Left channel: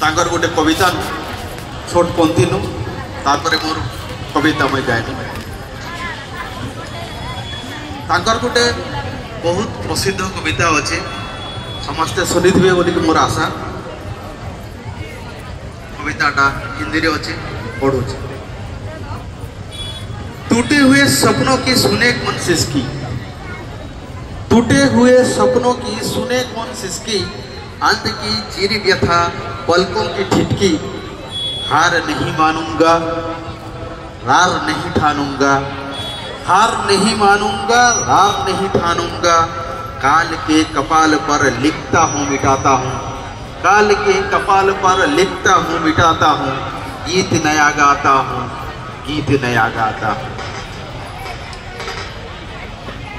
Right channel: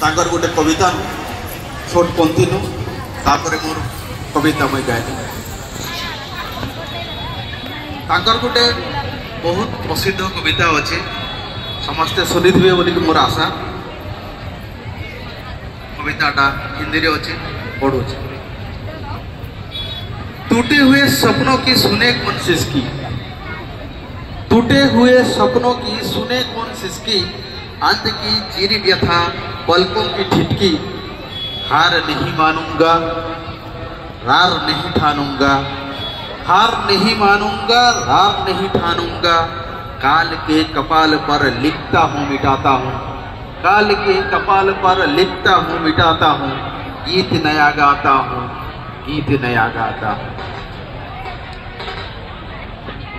तांकर गोटे कविता नु छोट पंथी नु तापर मोर कविता मैं गायबी। तांकर गोटे बहुत प्रसिद्ध कविता अच्छे समस्ते शुणी थे बोलिक मोर आशा। कविताटा हिंदी रे अच्छे पढ़ू। टूटे हुए सपनों की सुने कौन सिसकी, टूटे हुए सपनों की सुने कौन सिसकी, अंत की चीरी व्यथा पलकों की ठिठकी, हार नहीं मानूंगा रार नहीं ठानूंगा, हार नहीं मानूंगा रार नहीं ठानूंगा, काल के कपाल पर लिखता हूँ मिटाता हूँ, काल के कपाल पर लिखता हूँ मिटाता हूँ, गीत नया गाता हूँ गीत नया गाता हूँ।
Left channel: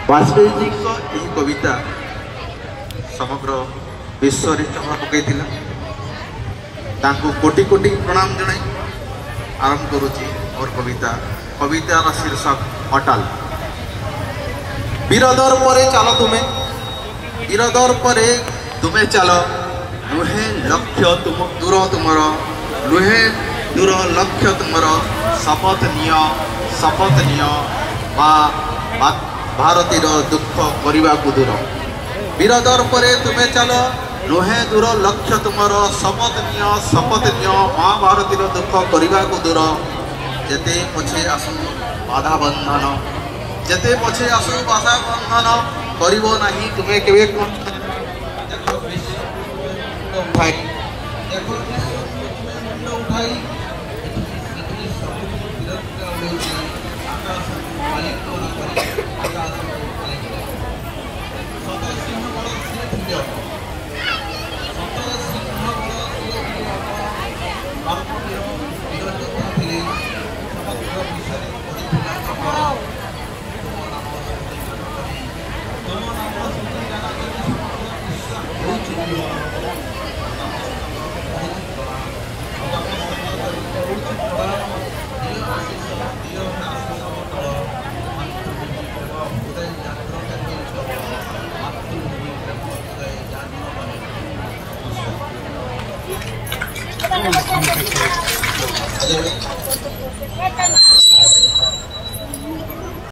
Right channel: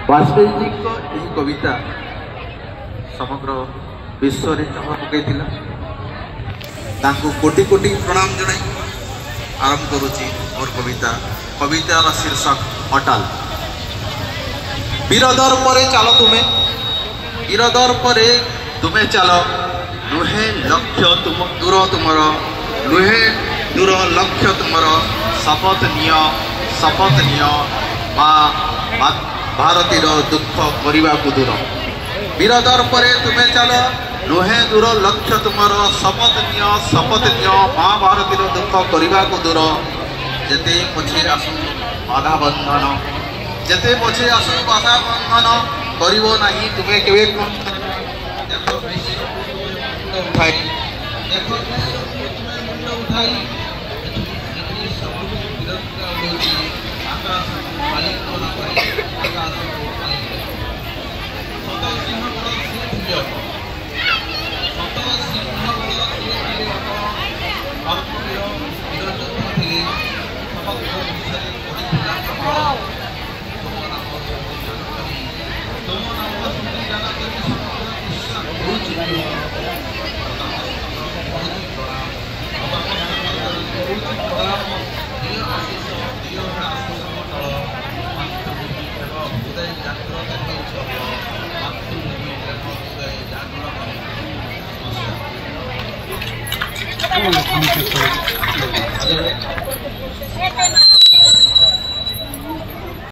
वाजपेयी जी को यही कविता समग्र विश्व में चमक पकई कोटि कोटि प्रणाम जन आरंभ करुच्ची मोर कविता। कवितार शीर्षक अटाल। वीरदर परे चलो तुम्हें, वीरदर परे तुम्हें चलो, नुहे लक्ष्य तुम दूर तुमर, नुहे दूर लक्ष्य तुमर, शपथ निय माँ भारतीर दुख करने को दूर। वीरदर परे तुम्हें चलो, नुहे दूर लक्ष्य तुमर, शपथ निय माँ भारतीर दुख करने को दूर। जेते पछे आसु बाधा बंधन, जेते पछे आसु बाधा बंधन, करिबो नाही तुम्हें केवे उठाई, देखो उठाई आकाश मालिक को न करे, आकाश मालिक सतर सिंह बड़ सिंह सतर सिंह बड़ सिंह कर्मवीर वीर योद्धा थे। समग्र विषय पड़ता चक्र, तुम नाम संकीर्तन करी, तुम नाम संकीर्तन करी समग्र विश्व Hey,